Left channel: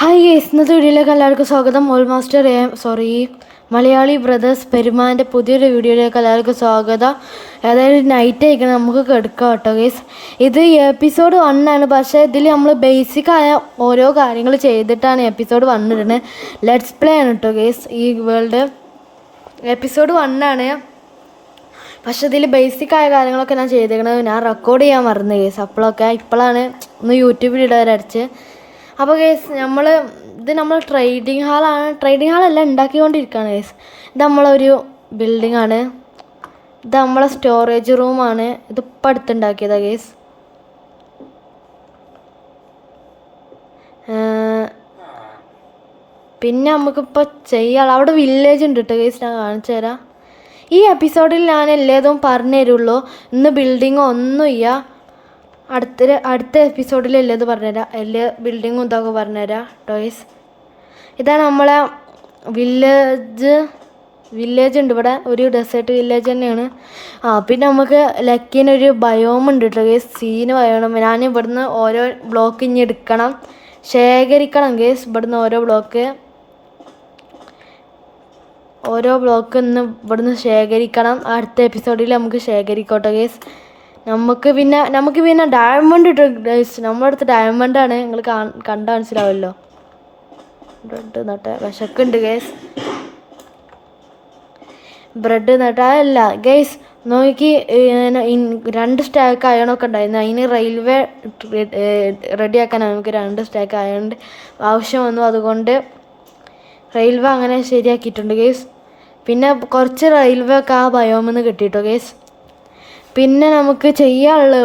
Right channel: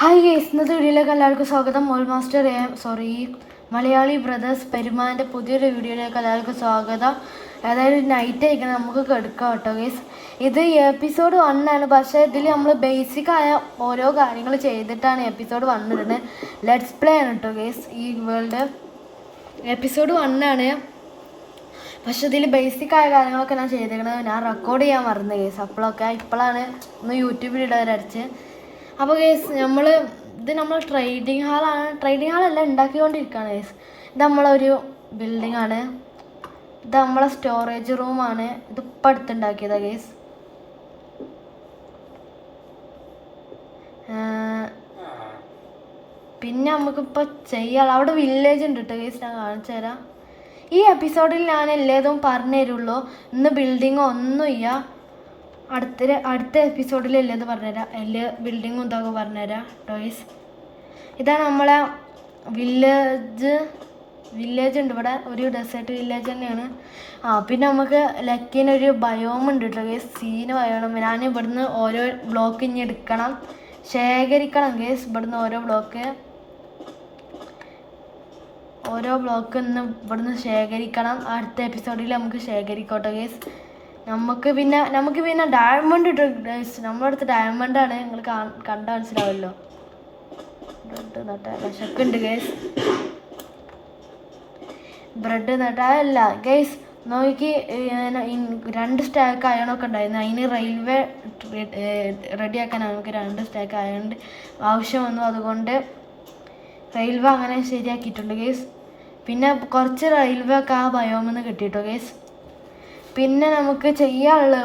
Hi guys, ഇന്നത്തെ വീഡിയോയിലേക്ക് എല്ലാവർക്കും സ്വാഗതം. മലയാളി ബ്രദേഴ്സ് പെരുമാൻ്റെ പുതിയൊരു വീഡിയോയിലേക്ക് എല്ലാവർക്കും സ്വാഗതം. അതായത് നൈറ്റ് ആയിക്കണം, നമുക്ക് കിടക്കാം കേട്ടോ ഗൈസ്. ഇത് എപ്പിസോഡ് 1 ആണ്. പക്ഷേ ഇതിൽ നമ്മൾ ബേസിക്കായ ഓരോ കാര്യങ്ങൾ ചെയ്തിട്ടാണ് എപ്പിസോഡ് 1 ഇടുന്നത്. ലെറ്റ്സ് പ്ലേ ആണ് കേട്ടോ ഗൈസ്. ഈ വേൾഡ് എപ്പിസോഡ് 1 ആണ്. പക്ഷെ ഇതിൽ ബേസിക്കായ കാര്യങ്ങളൊക്കെ ഞാൻ ചെയ്തേക്കണത് ഞാൻ റെക്കോർഡ് ചെയ്യാൻ മറന്നു ഗൈസ്. ഇപ്പോഴാണ് ഒന്ന് യൂട്യൂബിൽ ഇടാനടിച്ച്. അപ്പോൾ ഗൈസ് നമ്മൾ ട്രേഡിംഗ് ഹാളല്ല ഉണ്ടാക്കിക്കൊണ്ടിരിക്കുകയാണ് ഗൈസ്. ഇത് നമ്മളൊരു ബിൽഡിംഗ് ആണ്. ഇത് നമ്മളെ സ്റ്റോറേജ് റൂമാണ്. ഇതിപ്പോൾ അടുത്തുണ്ടാക്കിയതാണ് ഗൈസ്. പിന്നെ നമുക്കിപ്പോൾ ചെയ്യാം. അവിടെ വില്ലേജ് ഉണ്ട് കേട്ടോ ഗൈസ്, ഞാൻ കാണിച്ചു തരാം. ഈ എപ്പിസോഡിൽ ഞാൻ എല്ലാതും പറഞ്ഞു തരുള്ളൂ. ഇന്ന് ബിൽഡിങ്ങോ ഒന്നുമില്ല. അടുത്ത എപ്പിസോഡിൽ എല്ലാം പറഞ്ഞുതരാം. എല്ലാ ബിൽഡിങ്ങും ഇതൊക്കെ പറഞ്ഞുതരാം ടോയ്സ്. ഇതാണ് നമ്മളെ വില്ലേജ് ഉണ്ട് ഇവിടെ. ഒരു ഡെസേർട്ട് വില്ലേജ് തന്നെയാണ്. പിന്നെ നമുക്ക് ലക്കിനൊരു ബയോം ഉണ്ട് കേട്ടോ ഗേസ്. സീന് ബയോണം. ഞാൻ ഇവിടുന്ന് ഓരോ ബ്ലോക്ക് ഇനി എടുക്കണം, ശേഖരിക്കണം ഗേസ്. ഇവിടുന്ന് ഓരോ ബ്ലോക്ക് ഇന്ന് ഇവിടുന്ന് ശേഖരിക്കണം. അടുത്ത എപ്പിസോഡിൽ നമുക്ക് ശേഖരിക്കോട്ടെ ഗേസ്. നമുക്ക് പിന്നെ ഡയമണ്ട് ഇട്ട് ഗൈസ്. നമ്മുടെ അടുത്ത് ഡയമണ്ടാണ്. നിങ്ങൾ കണ്ട മനസ്സിലാവല്ലോ. ബ്രെഡ് നട്ട വിശക്കുണ്ട് ഗൈസ്. ബ്രെഡ് നട്ടല്ല ഗൈസ്. നോക്കി 2 സ്റ്റാക്ക് അയണൊക്കെ ഉണ്ടായിരുന്നു. അതിന് റെയിൽവേ റെഡിയാക്കാനാണ് നമുക്ക് 2 സ്റ്റാക്ക് അയൺ ആവശ്യം വന്നു. അതുകൊണ്ട് റെയിൽവേ അങ്ങനെ ശരിയാക്കിയിട്ടുണ്ട് ഗൈസ്. പിന്നെ കുറച്ച് റെയിൽവേ ഒക്കെ ആ ബയോമെന്ന് കിട്ടിയിട്ടോ ഗൈസ്. പിന്നെ നമുക്ക് ചെയ്യാനുള്ളത്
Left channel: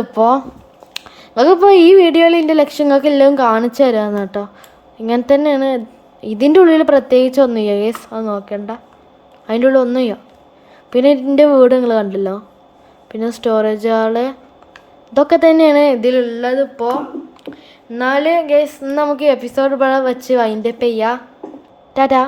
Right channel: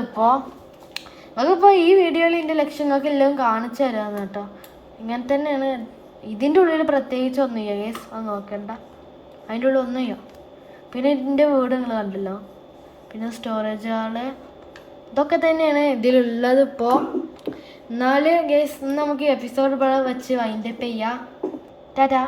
നമുക്കിപ്പോൾ ഈ വീഡിയോയിൽ എൻ്റെ ലക്ഷ്യങ്ങൾക്ക് എല്ലാം കാണിച്ചു തരാമെന്ന് കേട്ടോ. ഇങ്ങനെ തന്നെയാണ്. ഇതിൻ്റെ ഉള്ളിൽ പ്രത്യേകിച്ച് ഒന്നും ചെയ്യാം ഗേസ്. അത് നോക്കണ്ട, അതിൻ്റെ ഉള്ളിൽ ഒന്നും ചെയ്യാം. പിന്നെ ഇതിൻ്റെ വീട് നിങ്ങൾ കണ്ടല്ലോ. പിന്നെ സ്റ്റോറേജ് ഹാള്, ഇതൊക്കെ തന്നെയാണ് ഇതിലുള്ളത് ഇപ്പോൾ. എന്നാൽ ഗേസ് നമുക്ക് എപ്പിസോഡ് ഇവിടെ വെച്ച് വൈൻഡപ്പ് ചെയ്യാം. ടാറ്റാ.